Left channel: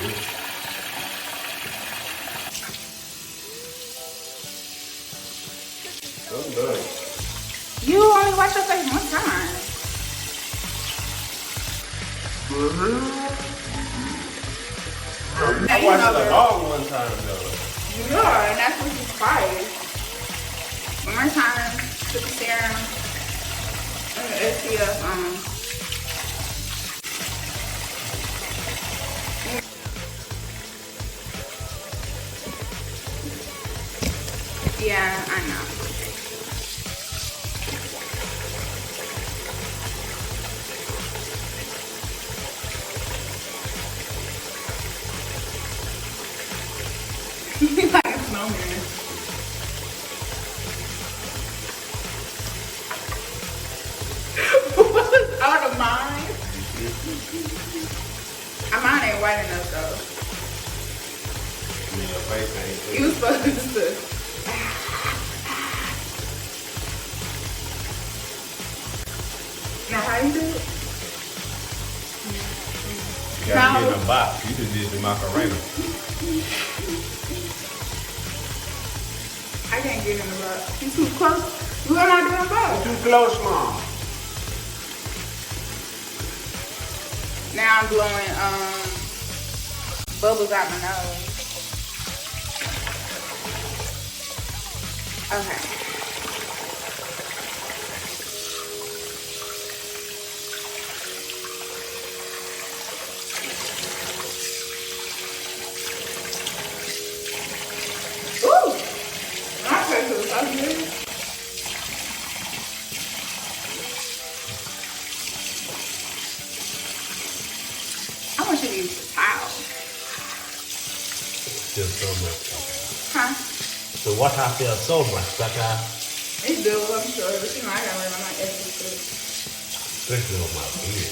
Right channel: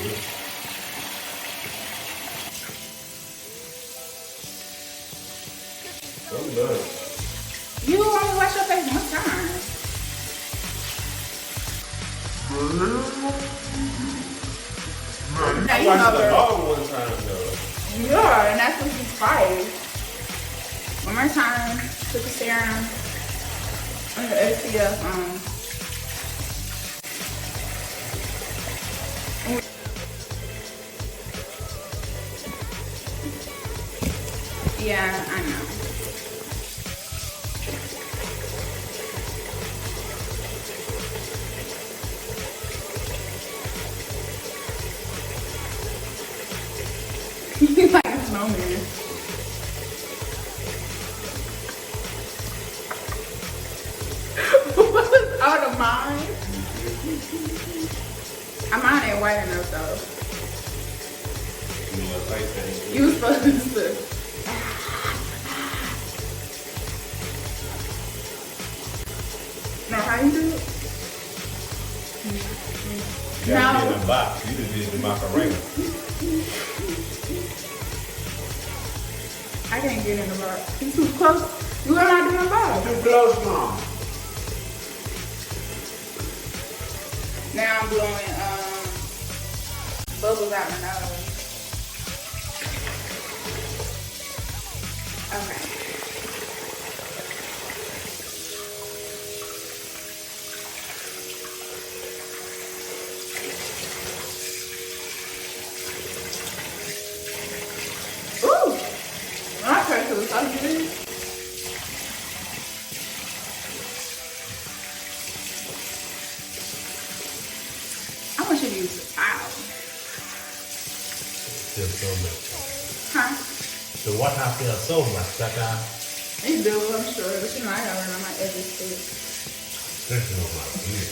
You only wash your face one time. Now you know that. One time though. Yeah, and that's what you fight. One more time, put the serum on your SPF on. Yeah, I know. He's like a snowman. What's out of mine? Mine ain't white enough though. You was supposed to. No, how you do it? You gotta get in a box. You can do the macarena. I can't get in the box. He's too close. You am I doing both? Too close, Mom. Now I'm blowing bubbles out my nose. Okay. Ooh! My face was so good. I want you to use the towel. Feels so much. Huh? The water feels so much better. It's do, I'm sure. But you know, I gotta work on my edges too. Especially on my ear.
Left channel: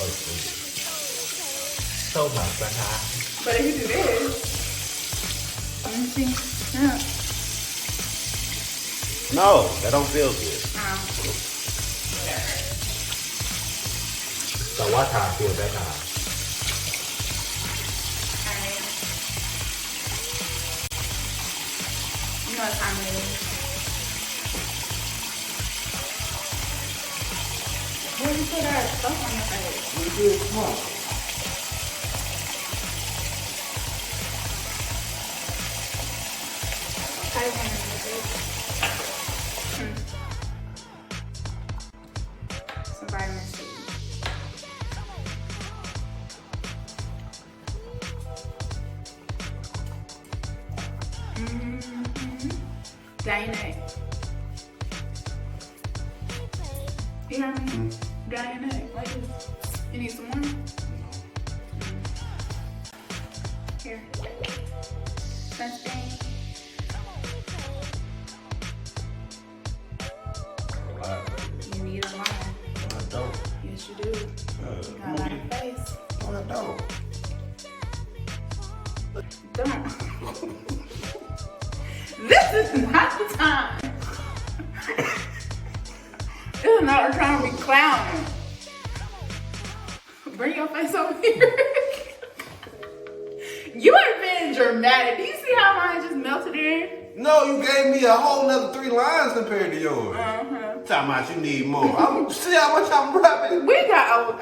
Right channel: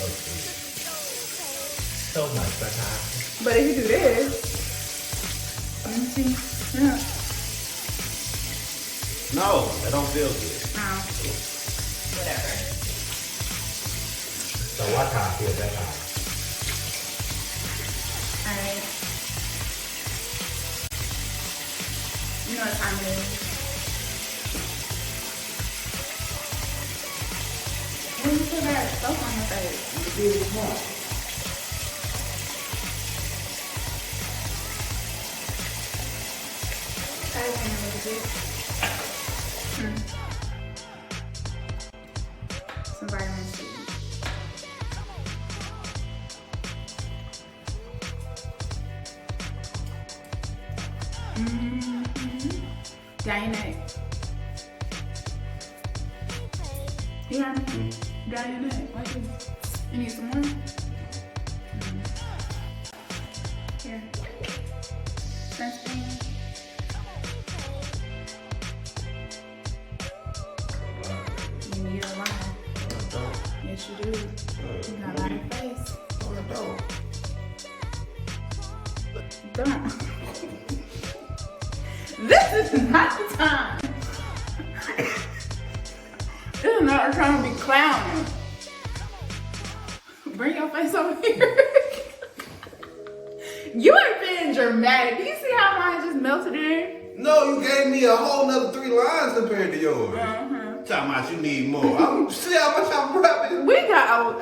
Oh, so much better. But if you do this, let me see. Yeah. No, that don't feel good. Whatever. The water feels better. Alright. You know what time it is. When you put that stuff on your face. I just want a little bit. Some vitamin C. Down your neck. You hear me? Down your neck, like this. You need some more? Here. Sunscreen. You need a line. Yes, you do. You got a lot of face. Don't. This is not the time. This is not the time to be clowning. Bring your face over here. You ain't being dramatic. Do you see how mine just melted in? No, you gave me a whole nother 3 lines compared to yours. Talking about you need more. See how much I'm rubbing? We got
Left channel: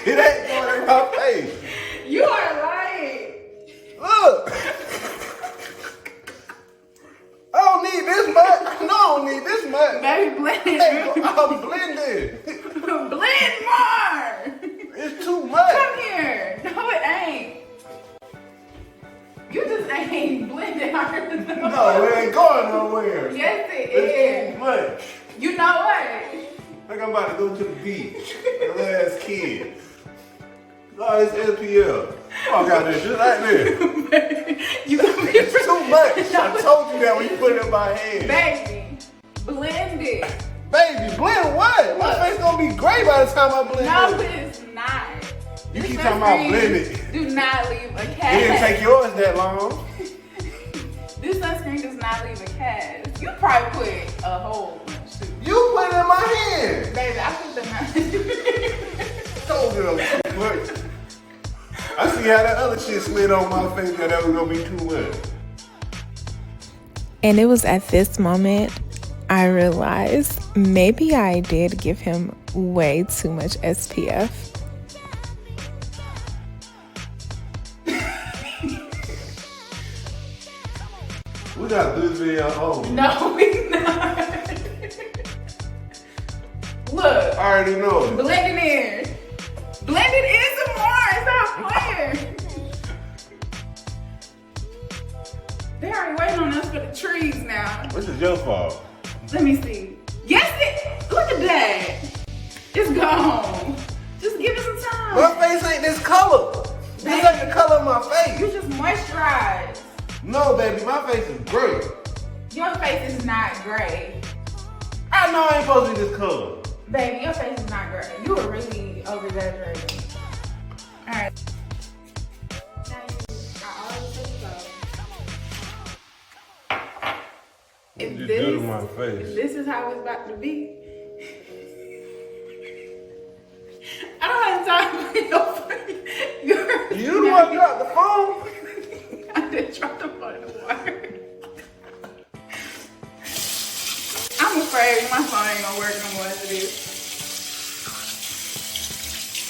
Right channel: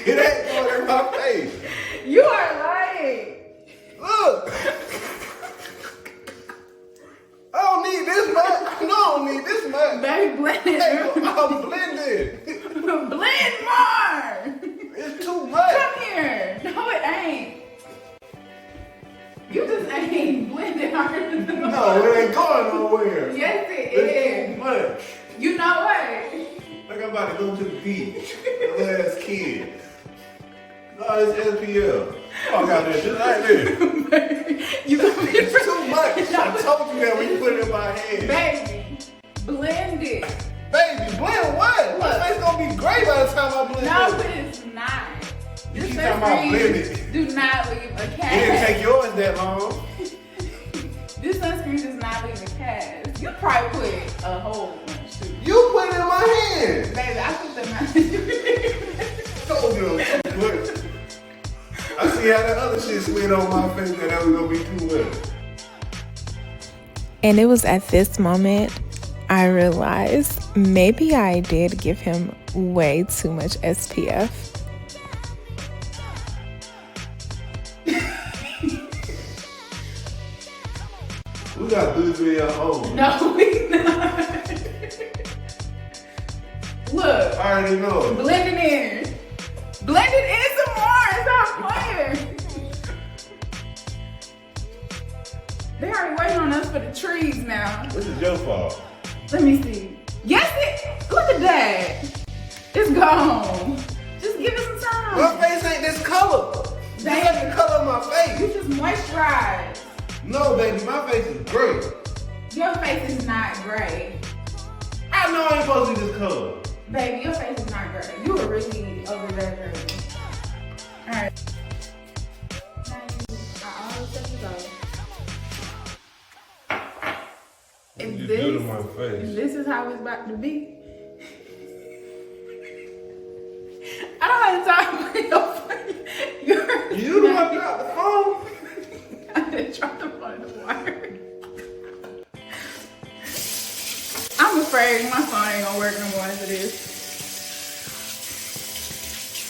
It ain't going in my face. You are lying. Look. I don't need this much. No, I don't need this much. Baby, blend it. I'm blending. Blend more. It's too much. Come here. No, it ain't. You just ain't blending harder than the No, it ain't going nowhere. Yes, it It's is. too much. You know what? Like I'm about to go to the beach. The last kid. No, it's SPL. Oh, I got this just right there. You gonna be It's too much. I told you that when you put it in my hand. Baby, blend it. Baby, blend what? My face gonna be great by the time I blend No, it. it's not. You This keep talking about sunscreen blending. do not leave a It didn't cast. take yours that long. This sunscreen does not leave a cast. You probably put a whole bunch too. You put it in my hand. Baby, I put them out. Told you know, too much. I see how that other shit slid on my face that was gonna be too much. And it was at this moment I realized maybe I did give him way too much SPF. We got to do this video at home. No, we not. Look. I already know it. Blend it in. Blend it in some more. Stop playing. They already waiting on us for the trees now. This is your fault. Let me see. Yes, it. Look at that. It's gone. Just give it some time. My face ain't this color. This ain't the color of my face. You just moisturize. No, baby, my face is gray. Your face is not gray. I know I ain't supposed to be this color. Baby, your face is not gray. You were really over-exaggerating. Alright. I always tell you go. If this is how it's about to be, I don't have time for your phone. You the one dropped the phone? I did drop the phone in the water. I'm afraid my phone ain't gonna work no more after this.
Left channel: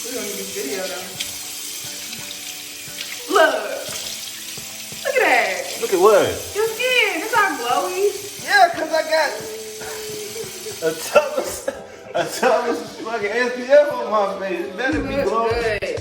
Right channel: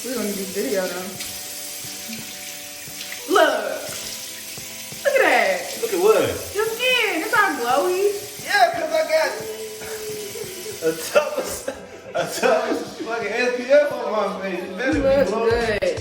We're gonna get this video though. Look at that. Look at what? Your skin, it's all glowy. Yeah, because I got a toughest fucking SPF on my face. That's You look good.